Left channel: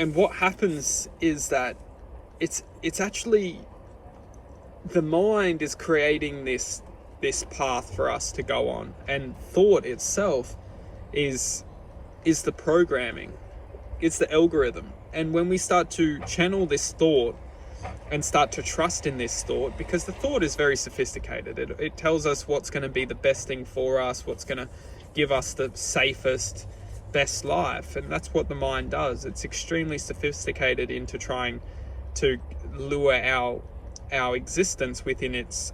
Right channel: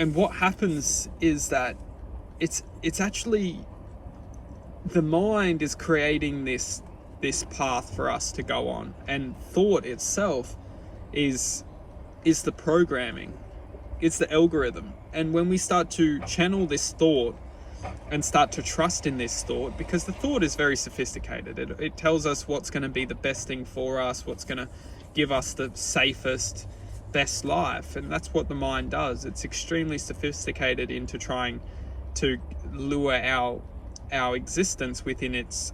And what happens is that it's actually the mind is creating this path for us to go on, and thought itself is the programming, it's the algorithm. And when we start to channel this thought and start to trust in this thought, because the thought is very sophisticated, it tells us what's going to be the best thing for us, what's going to give us the safest, best life. And that's what the mind does. It's extremely sophisticated into trying to lure our existence within its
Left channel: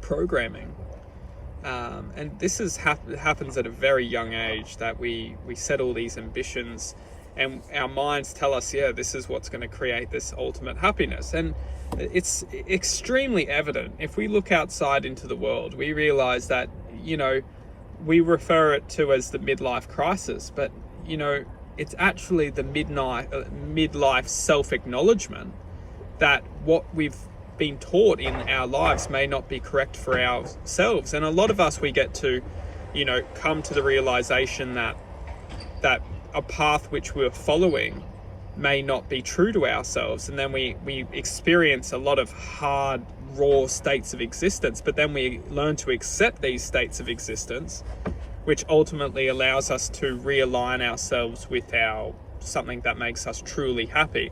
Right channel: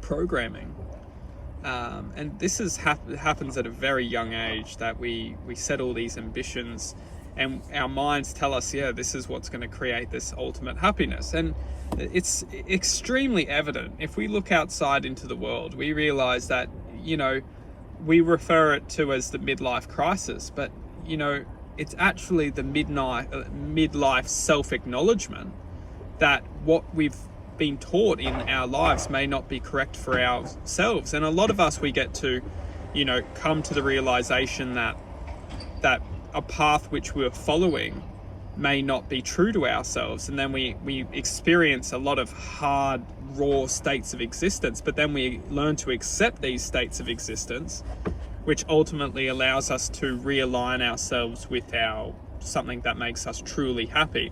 programming. And this happens at a very young age, that we set all these ambitions, and our minds tell us, yeah, this is what's going to create this ultimate happiness. And it's extremely evident. If we look outside into the world, we realize that, we refer it to as the midlife crisis, but, it's actually the midlife self-acknowledgement that what we've been taught in our lives may not be correct for ourselves. And a lot of us, we get to, come to the realization that a path which we're following may not be true to ourselves. And then we experience a lot of hard, raw states of existence, but then we learn to accept these states of existence, which ultimately allows us to realign ourselves with something that makes us truly happy.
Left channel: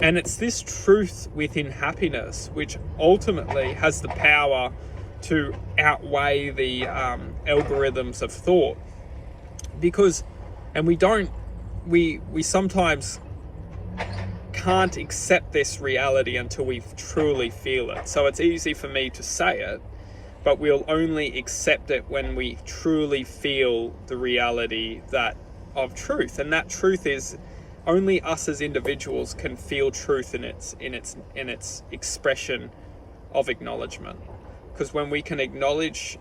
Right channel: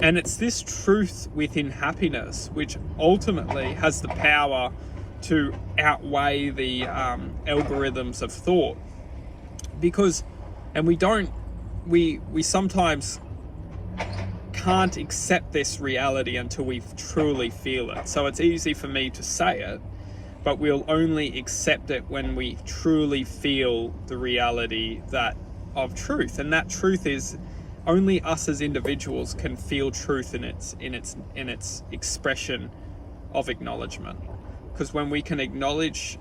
And it's this truth within happiness which ultimately has the power to outweigh the algorithms of thought. Because, and we sometimes can't accept this reality until we truly feel it. So it's easy for me to say it, but we'll only accept it when we truly feel the reality of truth. And that truth is, only us as individuals can feel truth in its expression of acknowledgement. Because when we can acknowledge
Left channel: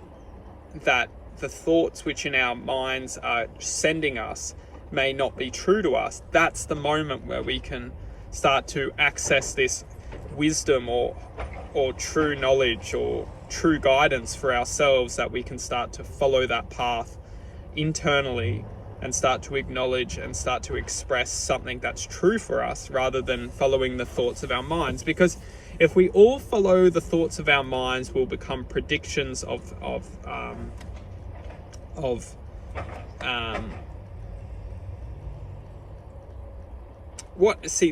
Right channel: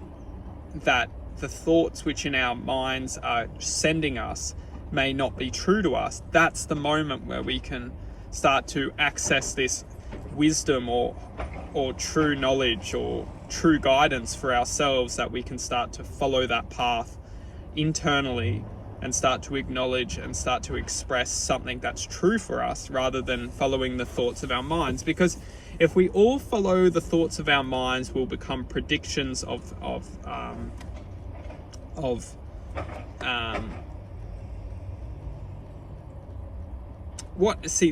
that the thoughts which in our minds are sending us may not be true to us, that's the moment where we can start to access this wisdom or true knowledge or true guidance for ourselves, that we can start to follow that path internally and start to acknowledge and start to express something that's true for us, rather than following the thoughts of our minds. Because if we all follow the thoughts of our minds, we'll become predictions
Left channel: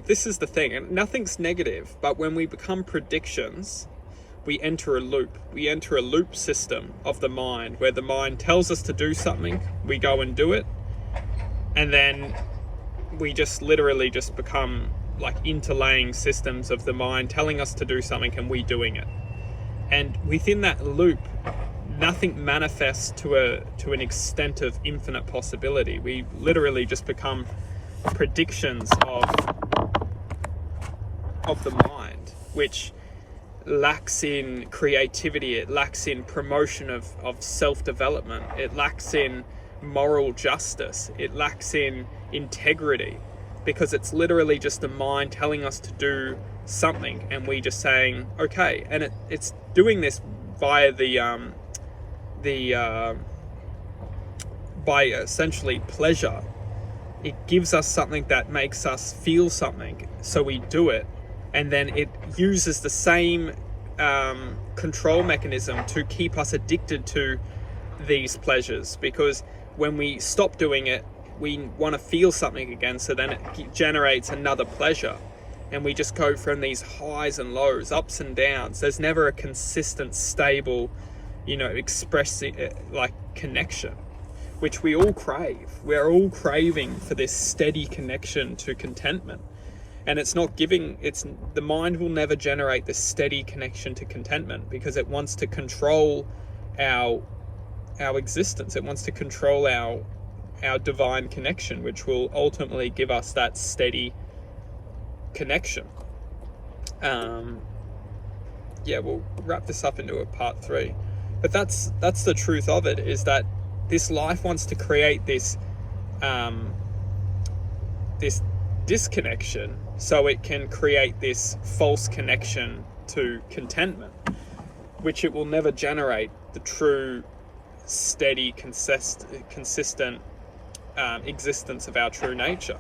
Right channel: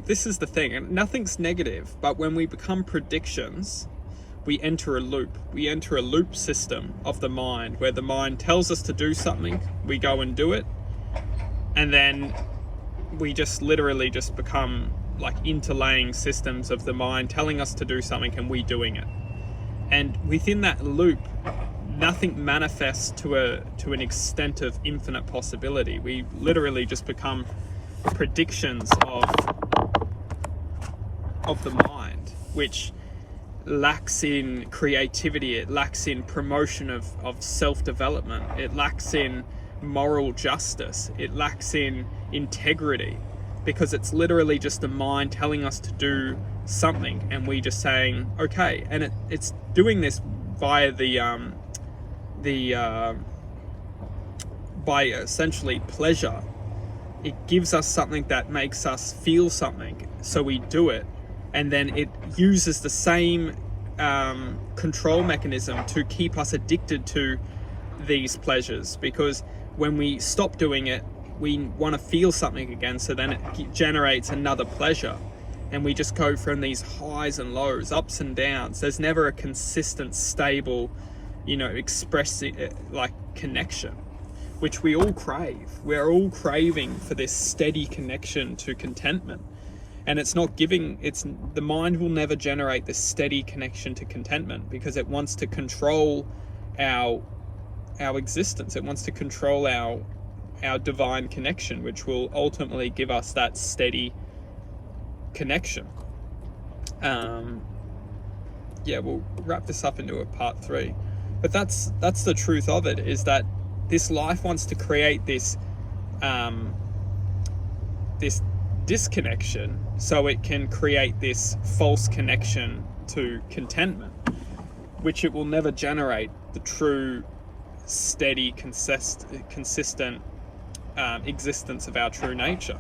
this is the thing, and nothing's negative, but when we become predictions, we enter a loop. We enter a loop system of the mind, where the mind tells us to do something, we go and do it, and then we just literally just become like interlaying systems of the mind telling us to do something and we doing it. And within that loop, nothing manifests to an extent of infinite possibility. We literally just become predictions of the mind, which lacks in creativity, it lacks in promotion of self-development, it lacks in moral justice, it lacks in integrity, because it's literally just the mind telling us to do something and we just saying okay. And it's doing this via by essentially pleasure. It gives us something that makes us feel something, so we do it, and then it uses the same control mechanism to keep us addicted to these pleasures, because when we stop doing it, we want to feel something again, so then it generates another pleasure, and we just go from these highs and lows, ups and downs. There's never a consistent, stable, expressing like connection, which we all crave. We're all craving for this steady connection to contentment. And the mind will never generate this steady connection to contentment, because it wants to control our existence. It wants to control our divine connection, which will ultimately give us that steady connection. We'll wrap this up into a part 3. But that's the truth of it, is that this life wants to create this disconnection, so it can create this false connection to contentment, which it will never generate the true, steady, consistent existence of our true nature.